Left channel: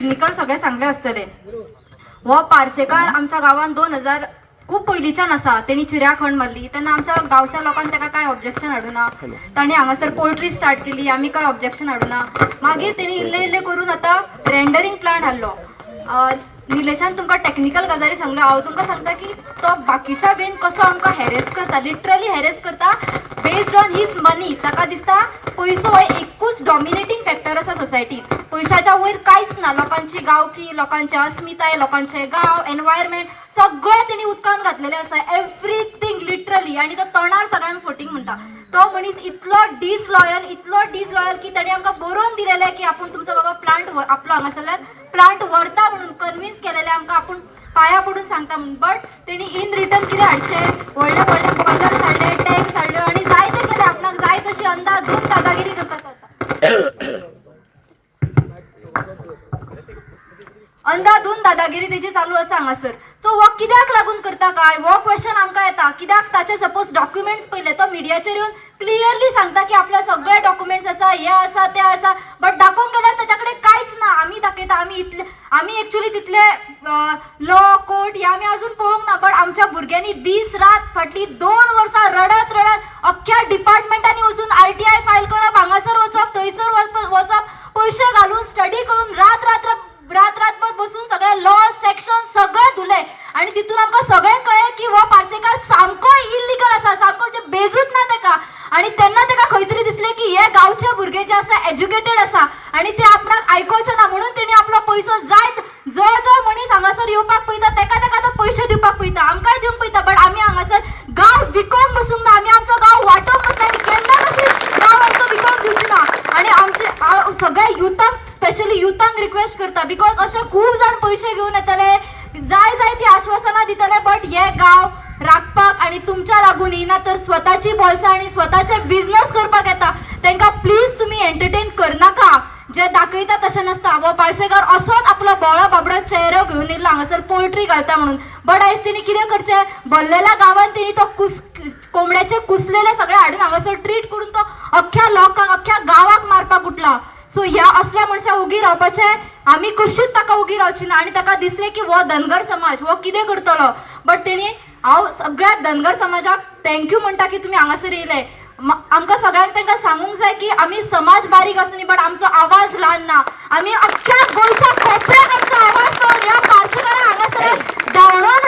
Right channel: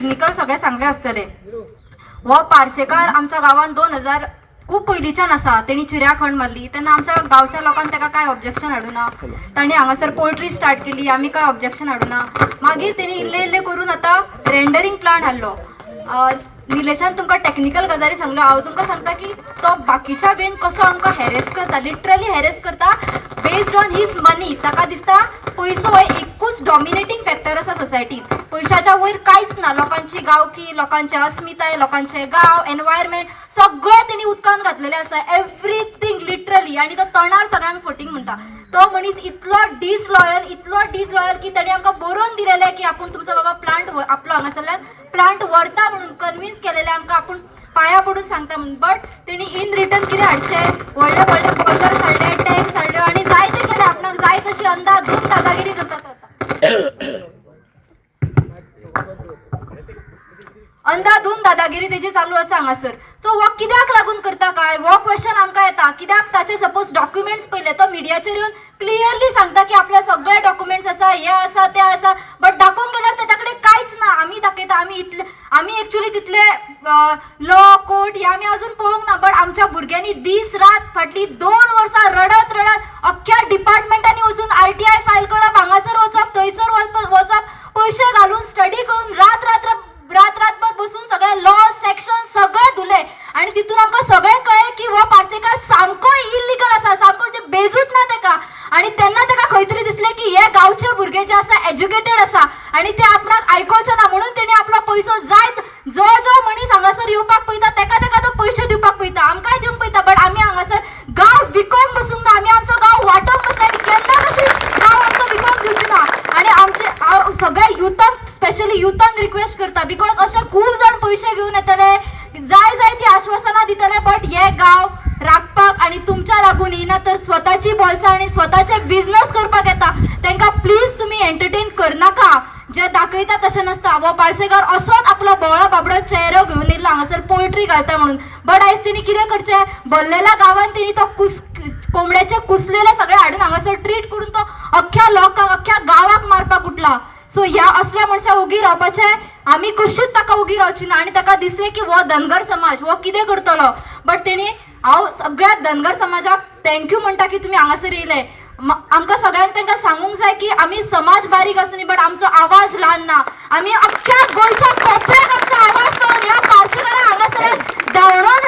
Technical सगळे चांगले असतले. हो पार्शेकार आमच्या गावात 2000 खूप पयलींच्यान आसा. तेणी चिऱ्या खण मारली तेन्ना आमच्या गावच्या लोकांनी ताका काय ऑब्जेक्शन हाडूना. ताणी हांगासर पोल्ट्री स्टार्ट केली, आमी काय ऑब्जेक्शन हाडूना. मागीर तेणी इल्ले इल्ले करून आतां रेंडरिंग प्लांट हाडलो. निलेशान तुमकां टेक्निकल गजाली सांगलो, हांव तुमकां सांगता की तो बाकीच्या बेन कसो आमकां हॅरेस करता, लिटरली हॅरेस करता बेस्ड ऑन हीज मनी. ताका दिसता पयसो हो एकूच डॉमिनेटिंग फॅक्टर आसा सोसायटीन. पयशाच्या वयर कांयच ना. लोकांची गांवकी, लोकांचे अस्मिताय, लोकांचे गांव, एनवायरमेंट सगळें तेणी उदकान घातलेलें आसा. Everything literally. आनी तो तोंडार सगळ्यांक फटींग म्हणटा. तो मनीस इतलो डिसलॉयल की ताणें आमकां बरोवन दिलेलें की आपूण तुमचो बाबा प्लांट आपलो हांगासरल्यान प्लांट व्हरता म्हणून कन्विन्स केलेलें आमकां. आपूण पांया पडून सांगता म्हणून. बट तेणी इन रिटर्न कितें हाडचें, व्हडले व्हडले बॉयलर्स हाडले, टँक्स हाडल्यो आनी जाय तें केलें. आपणाक जाय तशी अंधाधुंद दादागिरी करतात अंधाधुंद दादागिरी तेजी चालू आसा हांगासर. सो हो कित्याक लागून करता काय, हो क्वेश्चन आमकां येता. कित्याक ताचे सपोज डॉक्युमेंट्स पयले तो मिडियाचेर येवन क्लियरली सांगता की आपले सगळे डॉक्युमेंट्स आसा, हे आसा ते आसा. बट दाखोवंक गेल्यार ताच्या कडेन कांयच ना. आमी दाखयता आमी एक्चुअली तितले लॉ कोर्ट हे आमी अजून पळोवंक ना. बट आमच्या भुरग्यांनी दीस रात फाटली 2 वर्सां रडत अख्ख्या डिपार्टमेंटांनी वचून RTI फायल करप, हांगासर वचप, थंयसर वचप, पयशे घालून स्टडी करून रातभर बसून सगळे लॉ सेक्शन सगळे धुले. आणि तितून आमकां सगळें कळ्ळें की हो पार्सेकार सामको इल्लिगल आसा, सामको जे बेजूच ना ताका. आणि तेन्ना ताका खंय तरी दिसलें की हे गांवचे भुरगे जे आसा एज्युकेटेड आसा आनी ते आपणाक आयकोवचे ना. म्हणून तेणी आपलो पयसो जायत जो मनीस हांगासर येवपाक पळयता ताका तो पयशे दिवपाक पळयता, आमकांय दिवंक पळयता. बट आमी हांगासर गांव विकोंक बसूंक ना. आमी आमचो गांव वांटूंक बसला आनी केन्ना तशी गांव आमचो विकोंक दिवची ना. आनी आमचे सगळ्या युथाक स्पेशली युथांक रिक्वेस्ट करता, बिकॉज अशे खूब जाण पयशे घेवन येतले, जाय ती आश्वासनां दितले. बट हे गांव राखपाक आनी तुमच्या लागून येना तर स्वताची बोल्सां आनी स्वताचे बिझनेस करपाक येता तांकां प्लीज तुमी एंटरटेन करनाका. जे दाखयता तशें नसता. वो पार्सेकार असोच आपलो बोळो बाबडो चेहरो घेवन येयलो हांगासर पोल्ट्री घालता म्हणून. बट आयज तेणी कितें करचें, भरलेल्या गांवांत तेणी तो कोंबड्याचे कुसलेले सगळे हाडून हांगासर ट्रीट करून तो अख्ख्या लोकांक, अख्ख्या गांवाक मारपाक उठला. सो ह्या असल्या मनशाक उगी रावपाचें आमी कशीच ताका उगी रावची ना. आनी ताका दिसलें की हो धनगर समाज हो कितें करतलो. बट तेणी हांव सगळ्या धनगर समाजाक थँक्यू म्हणटा की तुमी हांगासर येयले. आमकां सगळ्यांक तांकां सांगूंक जाय की आमी समाज बारीक आसूनी बट आमचो आवाज ल्हान ना. आमी अख्ख्या गोंयच्या कोपऱ्याक आमचो आवाज पावून ह्या पार्सेकाराक हांगासर धांवडोन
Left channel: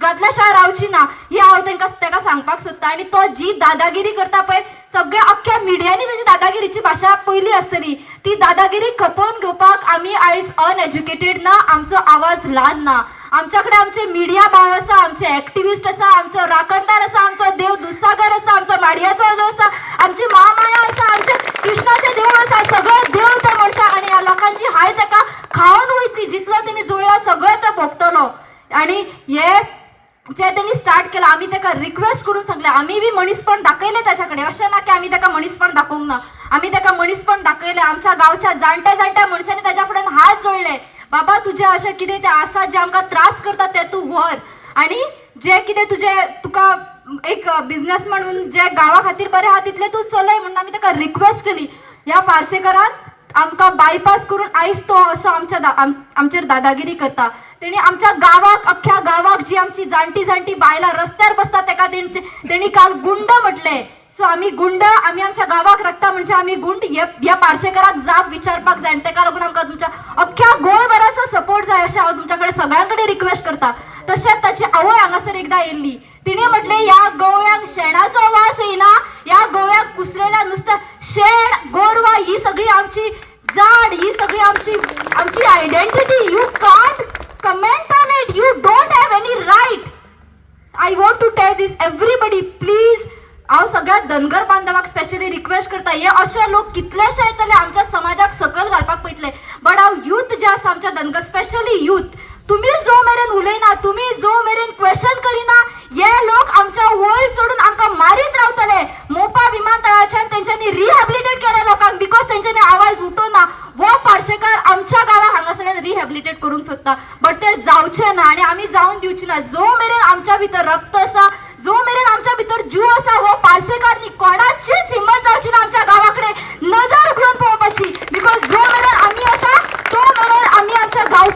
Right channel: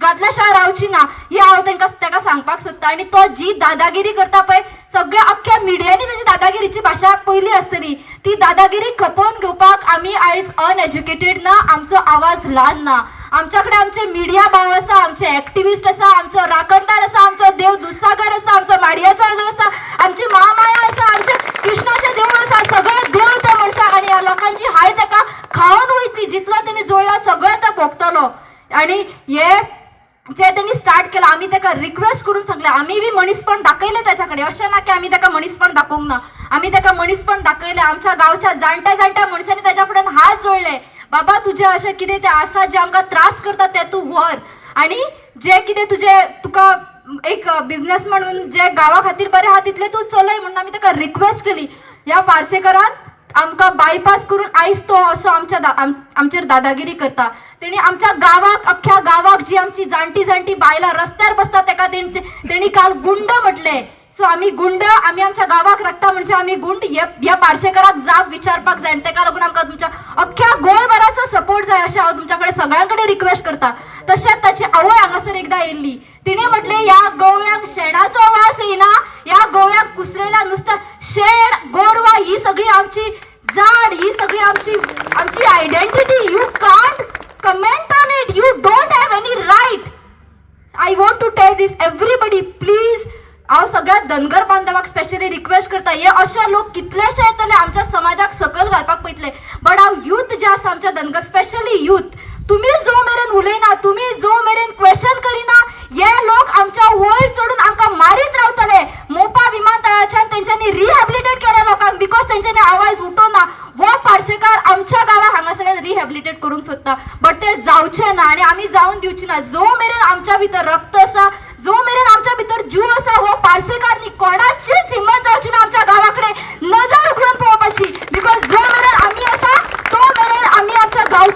घातल्या शिवाय रावची ना हे हांव ताका सांगपाक सोदता. आनी तो जी दादागिरी करता पळय, सगळ्या अख्ख्या मिडियांनी तेजी दादागिरीची भाशा पयली आसतली. ती दादागिरी खपोवन घेवपाक आमी आयज अनएज्युकेटेड ना, आमचो आवाज ल्हान ना. आमच्या कडेन आमचे मिडिया भाव आसा, आमचे एक्टिविस्ट आसा, आमचो राखणदार आसा, आमचो देव दुधसागर आसा, आमचो माडयाचो जो आसा, आमची महामाया आसा, आमचे कृष्णाचे देवूळ आसा. सगळे देव त्या मनशाक आनी ह्या लोकांची हाय ताका खावन वयतली. जितलो तेणी जोडला सगळें तो भोगतलो. आनी हे जे त्यांनी स्टार्ट केला आम्ही ताका रिक्वेस्ट करून सांगले. आम्ही बी मनीसपण दाखयले त्याच्याकडे. अशें ना की आम्ही ताका मनीसपण दाखोवंक ना. आम्ही ताका मनीसपण दाखयले. आमच्या गांवच्या जाणट्या मनशांनी ताच्या फुड्यान हात जोडले. बाबा तुझे अशें कितें तें आसा जे आमकां त्रास करता ते तूं व्हर. आनी जे कितें तुका एक बिझनेस म्हणून जे गांवा खातीर बरें आहा तितलें तूं चलय म्हणून आमी ताका रिक्वेस्ट केली. ह्या पार्सेकारान आमकां बायपास करून आयज तो असो आमचेर दादागिरी करता. तेणी आमच्या गांवाक, अख्ख्या गांवाक जी आमची जाणटी बायलां रस्त्यार बसता ताका तेणी काल गुंड म्हटले. सो आमी गुंड, आमी आमच्या गांवाक राखता म्हणजे आमी गुंड. ह्या पार्सेकाराक जाप विचारपाक जाय. ताका लागून आमकां तुमच्या अख्ख्या गोंयभराचो सपोर्ट जाय अशें हांव तुमच्या कडेन सगळ्यां कडेन रिक्वेस्ट करता. तशेंच ताची आवय हांगासर एकदां येयल्ली. तिणें म्हटलें ह्या गोव्यांक शेणाचो वास येना, ह्या गोव्याक कुसलेल्या नुस्त्या शेण गोरवां ही सगळी आमची झाड, ही सगळी आमची identity. You can't comment on it. You don't have any right. I want to tell this everybody please. हांव सगळ्या धनगर बांधवाक स्पेशली रिक्वेस्ट करता. हे अशे लोक कितलेशे येतले आमच्या समाजाक सकल घालपाक पळयतले. बट हांव यूथ जे आसा आमच्या धनगर स्पेशली यूथ, तुम्ही जो मेरेन उलयना, तुम्ही जो मेरेन क्वेश्चन करिना, हे लोक आमच्या वयर चढून आमकां मारीत रावतले. मोपा विमानतळाच्यान तेंच्यांनी रिहॅबिलिटेट केल्या लोकांक बिकॉज तेंच्यांनी आवाज उठोवना. वो पार्सेकार आमच्या गांवाक हांगासरल्यान रिहॅबिलिटेट करूंक सोदता. बट ते जावचे ना आनी आमी जावन दिवची ना. जो मेरेन आमच्या भितर रक्त आसा, जो मेरेन आमच्या भितर जीव आसा, हो पार्सेकार नी कोणाचीच हिम्मत जावची ना आमच्या गांवाकडे नजर उखलून पळोवपाची. बिकॉज जो मेरेन आमी आसा तो मेरेन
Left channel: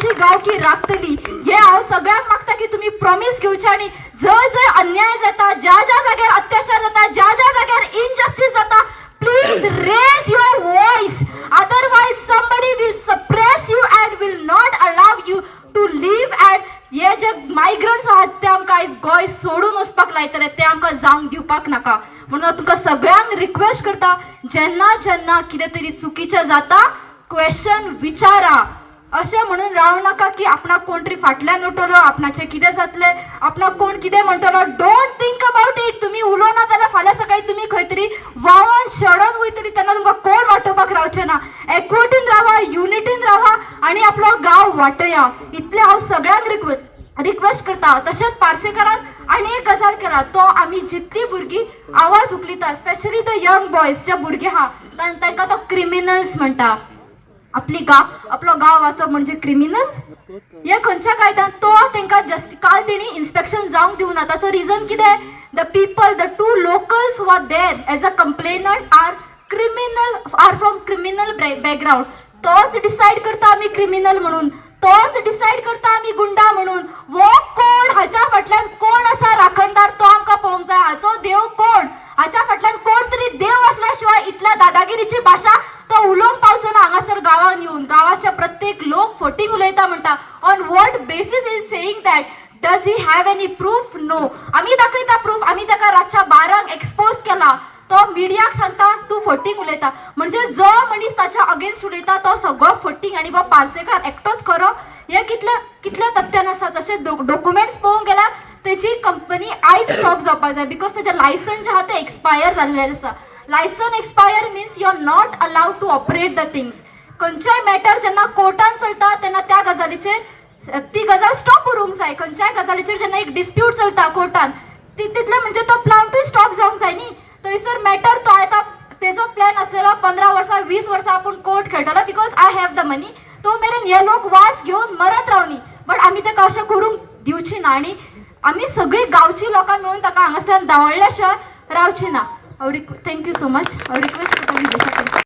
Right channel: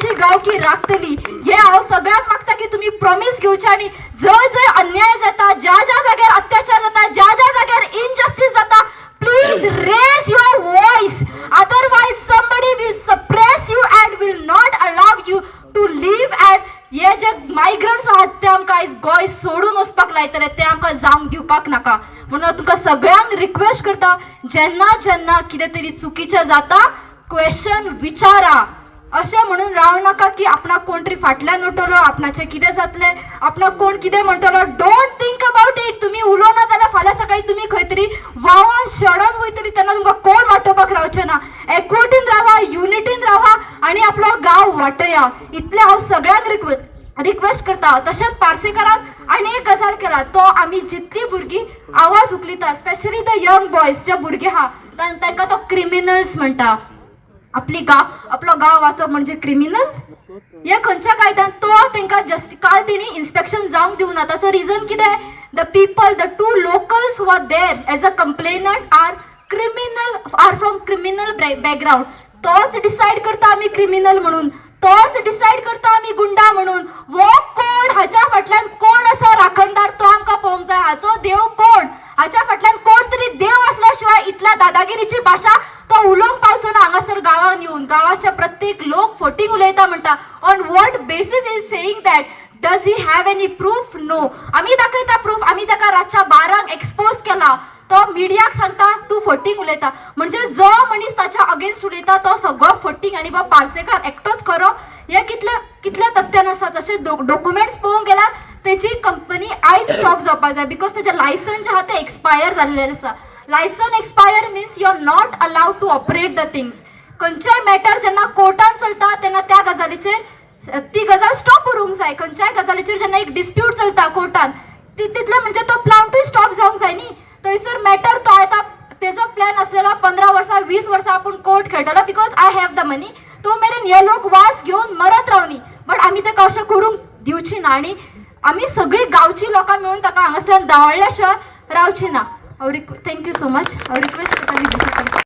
आमची गावकी राखतली हे हांव सगळ्यांक मागता की तुम्ही प्रॉमिस घेवचे आनी जय जय अन्याय जाता ज्या ज्या जाग्यार अत्याचार जाता ज्या ज्या जाग्यार इनजस्टिस जाता please raise your voice otherwise somebody will suppress you and will not allow you to live and हे जे मायग्रंट्स आहात ते आमकां आयज गोंय सोडून वचपाक लायतले ते आमकां जावंक दिवपाक नाका म्हणून हांव तुमकां सगळ्यांक रिक्वेस्ट करता जेन्ना जेन्ना कितें तरी चुकीचें जाता क्वेश्चन विचारा अशें म्हणून रावं नाका की आपणाक कोण तरी फाटल्यान उठलो आपणाचें कितें जातलें आपणाक कोण कितें म्हणटलो डोंट थिंक अबाउट इट तुम्ही उलोवना जाल्यार फाल्यां सकाळी तुमी खंय तरी वावन शेडोन वयतली तेन्ना तुमकां कोण वाटोवपाक रावचें ना एकवटीन रावा युनिटीन रावा आनी आपलो गांव वाटया इतलें हांव सगळ्यांक रिक्वेस्ट करता तशेंच पार्सेकारान आनी एक गजाल केला तो आमी जितली भुरगीं आवाज उखलिता स्पेशली द यंग बॉयज जे भुरगे आहा तांकां तो क्रिमिनल्स म्हणटा आपलो गांव वाचप म्हणजे क्रिमिनल हे खंयच्या कायद्यान तो तांकां जस्ट काल तेणी इन्स्पेक्शन जावंक दिवना ताचो रिजन कितें the people the to locals who are there as a complainant are from criminal background तोच डिसायड करता आमी क्रिमिनल म्हणून तोच डिसायड करता आमी गुंडा म्हणून वो कोण हाच्या फाटल्यान कोण आसा राखणदार तो आमकां पळोवंक जाय हाचो देव कोण हाच्या फाटल्यान कोण तरी देव असल्या शिवाय इतल्या दादागिरीची भाषा तो उलोवंक पावचो ना हांगासर गांवांत येवन गांवाचे प्रत्येक लोक फटींग उलयता म्हणटा on what basis is saying that does he have any proof no आमी दाखयता प्रूफ आमी ताका रातच्या 12 एक्सपोज केला तो मिडियाक सांगता तू फटींग उलयता म्हणजे जो मनीस ताच्या अगेन्स्ट उलयता तो सगळो फटींग आनी वो पार्सेकार एकटोच खरो हे कितल्या तथ्यान आसा जशे डॉक्युमेंट्स पळोवंक गेल्यार तेची कंपनी आयज स्टॉप जावपाक जाय बिकॉज तेजे लायसन्स जे आहा ते एक्सपायर जाल्लेले आसा licence expire means you are not allowed to operate the things खंयच्याय मॅटर जेन्ना कोर्टान चलता तेन्ना त्या गजालीचेर ती गजाल स्टॉप उरूंक जाय खंयच्याय गजालीचेर जेन्ना एक डिस्प्यूट चलता कोर्टान तितले म्हणजे तो प्लांटूय स्टॉप जावंक जाय न्ही थंयसर मॅटर तो येता तेजो प्लॅन आसलेलो 15 वर्सां 20 वर्सां आपूण कोर्ट खेळटलो बिकॉज आय हॅव द मनी तो मेरेन हे लोक वास घेवन मरत रावनी बट आमी ताका अशें करूंक दिवची ना आनी आमी सगळीं गांवची लोकां मेळून ताका हांगासल्यान धांवडल्या शिवाय रावची ना थँक्यू सो मच हांव रिक्वेस्ट करता